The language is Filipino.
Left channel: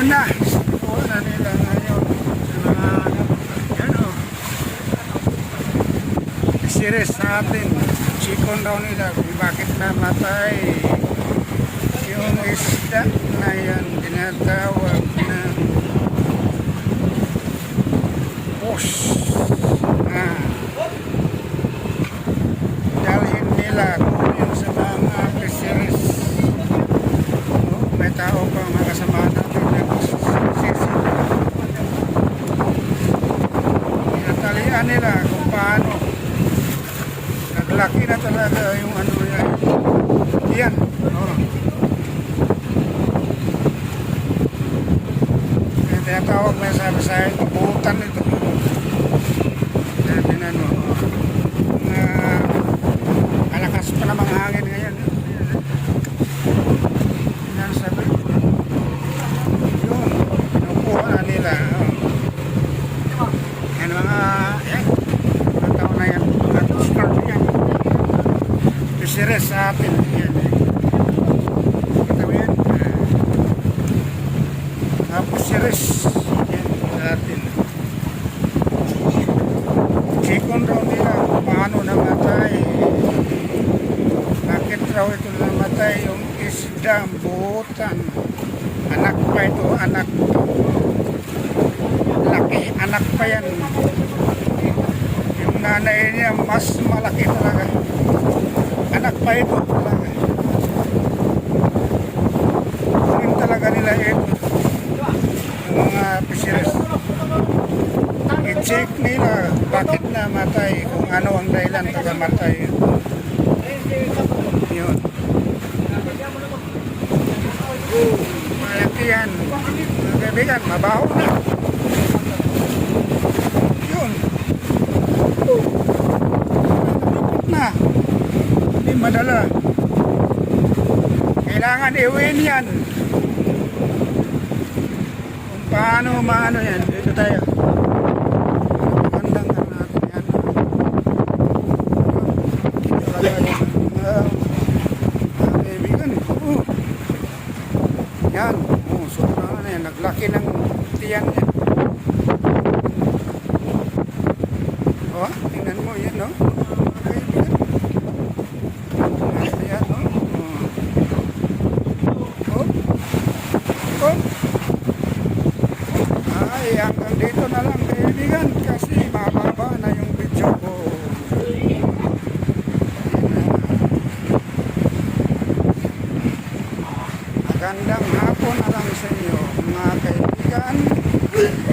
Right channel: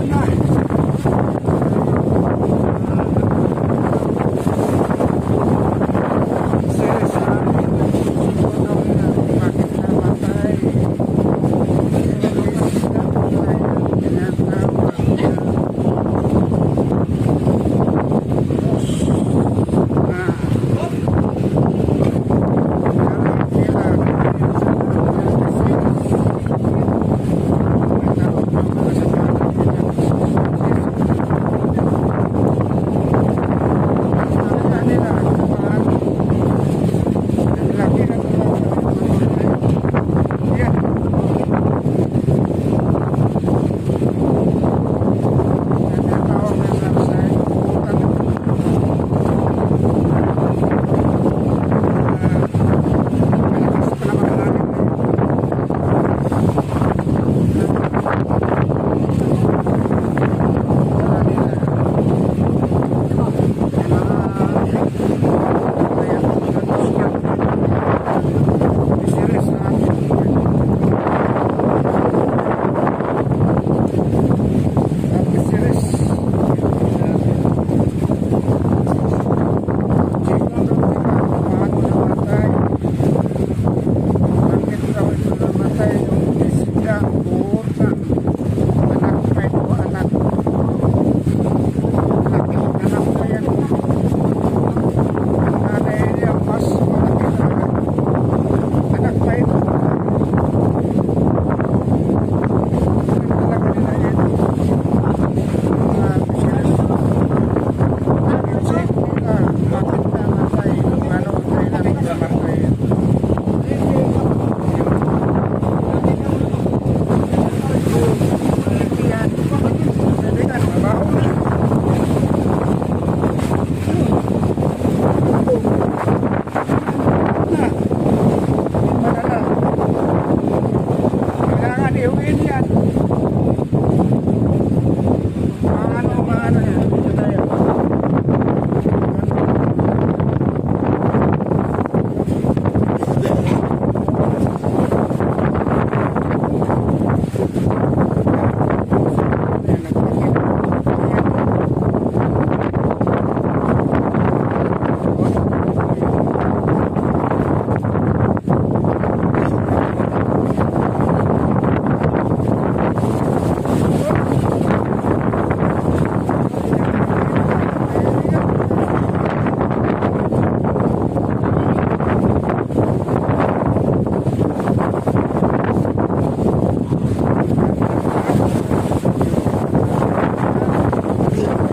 Yun na. Wala nila ngayon sa mga series natin. Chikon daw nila kung bakit namatay yung isda na yan tinatawag na push. Dalhin nila yun sa mga series. May tao pa mga kasama natin nagsisisi. Natalian nila kung paano. Ang laki na talaga yung ano yan. Yan. Kaya tawag may sabi sa akin, mabutan ito. Sabi na malakas pa namang hangin ngayon. Yan sabi. Yun. Nakuha na nila. Yan mga yan. Matawag na yan. Mga tosker yan. Series sa atin. Yan. Tapos series. Yan sa atin. Chikon raw nila paano namatay. Bakit raw ito namatay yung isdang buhutan. Anak pa ito, anak to. Laki, anak pa yan. Yung nanay niya mas malaki talaga. Anak pa ito talaga. Yun talaga nila ito. Yung mga fisheries. I-check nila bakit namatay, kung ano ang dahilan nagamatay. Yun. Malaki yan. Mga kaibigan, mabaho na. Yun. Na. Hindi madala. Kailangan iuwin yan. Kung paano maano yan. Dito tayo. Yan. Ano yan. Naglaki na. Yan. Oh, tingnan mo yan, no? Ay, hanggang dito na lang kaibigan kasi mababa na yung video ko. Magandang hapon na lang sa inyo mga kaibigan.